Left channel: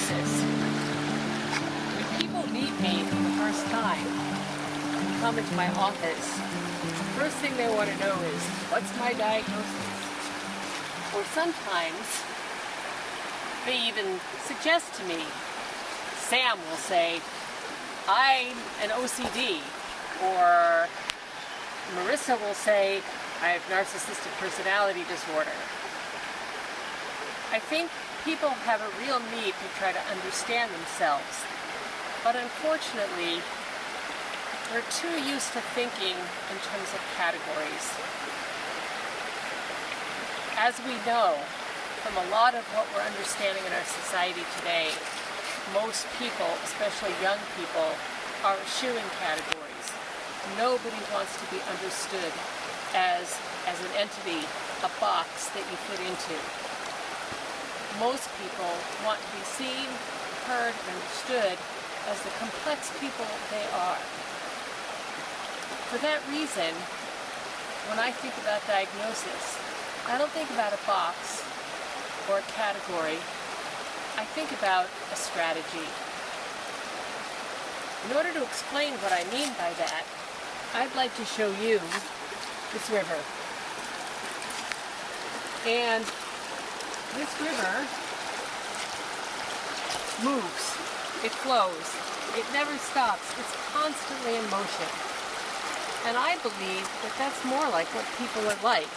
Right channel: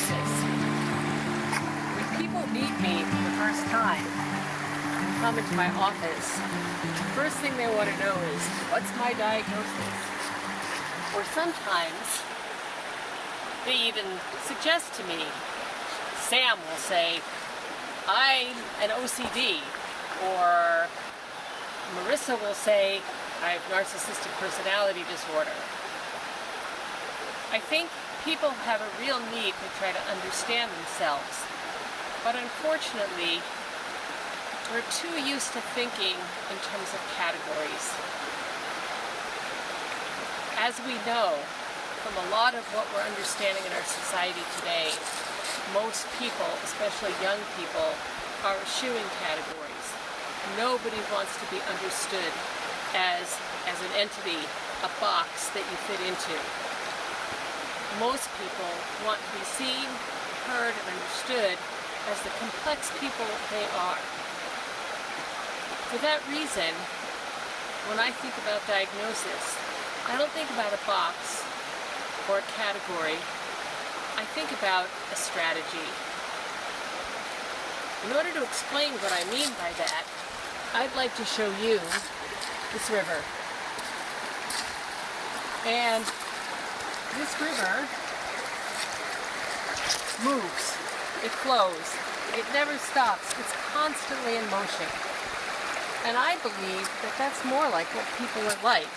diagnosis. When people meet me for the first time and come into my office, the first thing they want to know is, what's my diagnosis? Or sometimes they even suggest to me, Sam will say, I'm an OCD, or Marissa will say, I have narcissistic personality disorder. I think people have a real need to try to understand themselves, but unfortunately, we're too used to thinking in terms of categories. As we know from a lot of what we're understanding in our society today, most people, especially young people, are eschewing categories. Nobody wants to be understood as an entity, a box that you fit into. Most people want to be seen, heard, and understood as the complex people they are. For that reason, when I think about diagnosis, I don't think about a box or a category. I think about a strategy. In order to explain what I mean by that, I'd like to show you this river. And this river moves, it flows, it never stops, it's constantly in motion. And I believe that that's more like what people are like.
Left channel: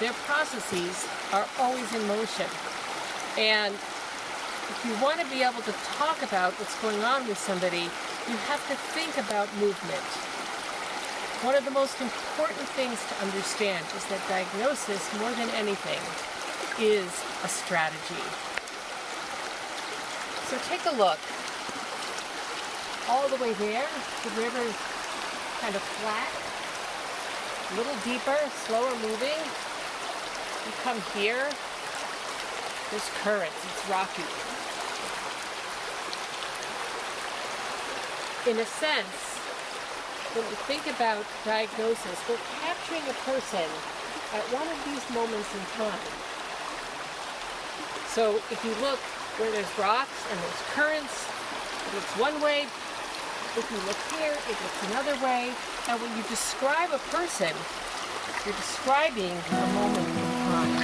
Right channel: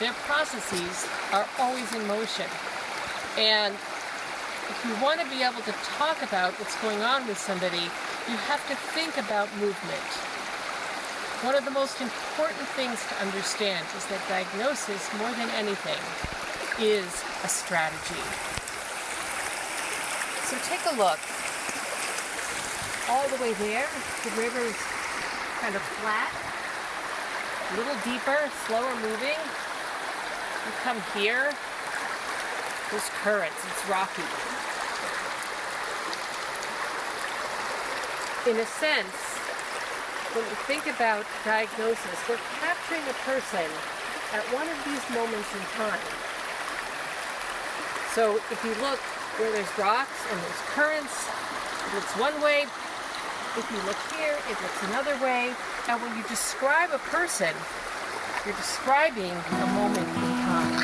Their processes are always in motion. And if you want to be able to talk about what's going on with somebody, you have to think about movement. One of the most important things to understand is that diagnosis, more than anything, is a strategy. So take a look. All the way there, the river is kind of flat, a little deeper, slower moving. You come here, there's currents, it's rocky. In a sense, when we think about diagnosis, we're capturing a person at one of these moments in time. So if you look where there's rocks and there's currents, it looks one way. If you look here, it looks another way. And when you describe a person, you're describing a moment in time.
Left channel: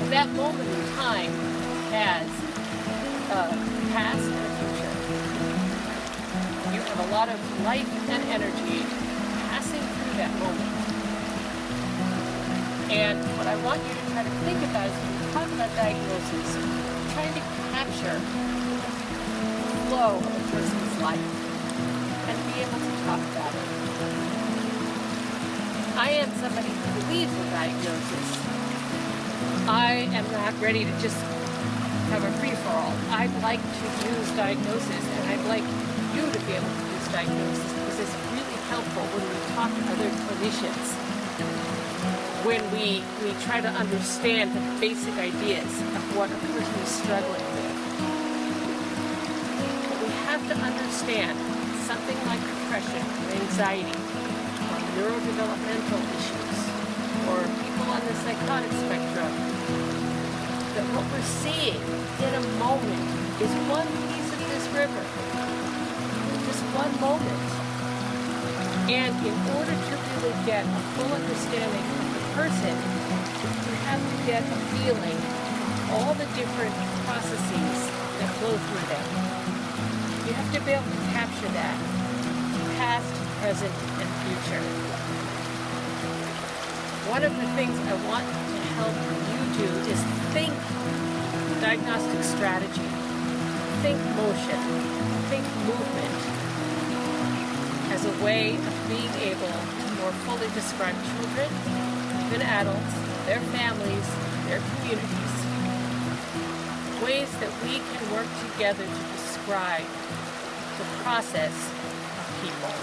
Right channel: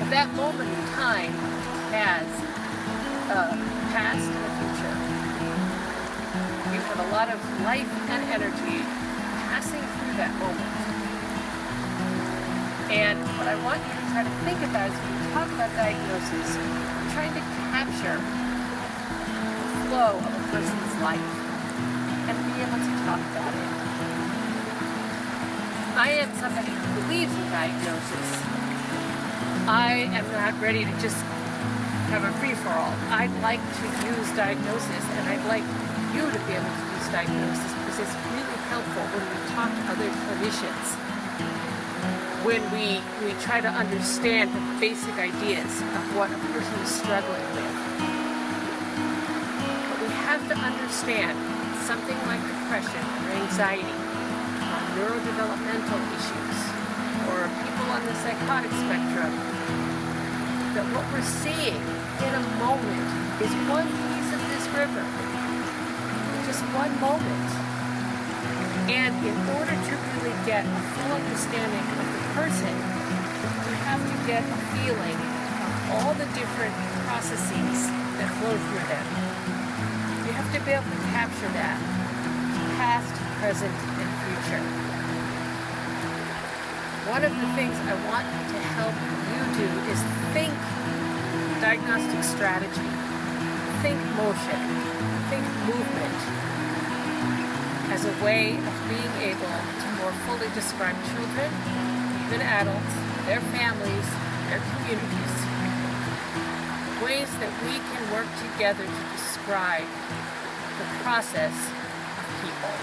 And that moment in time has a past and a future. You have a lot of life and energy passing through that moment. And what I want you to try to think about is when we talk about diagnosis, we're trying to capture the flow of a person's life and be able to talk about it. I am somebody who believes in diagnosis. I am not ready to just have a free-for-all. I'd like to use diagnosis, and I'd like you to be able to use diagnosis because it's really helpful when we talk to other clinicians, when we try to understand the basic ideas of what a person is struggling with. But we have to understand something like depression or anxiety or neurodevelopmental issues or people on the psychotic spectrum, that what we're seeing in a moment is one piece of this river, just one moment. And in order to really get a full understanding of the person, you have to get a feeling of all the different processes that flow through them. You have to be able to capture that, past, present, and future. One of the things I want to help you do is think diagnostic strategy, think motion, think movement as a way of being able to more fully describe children, even adults, their families, their communities, ways that we can work together to describe the process of people.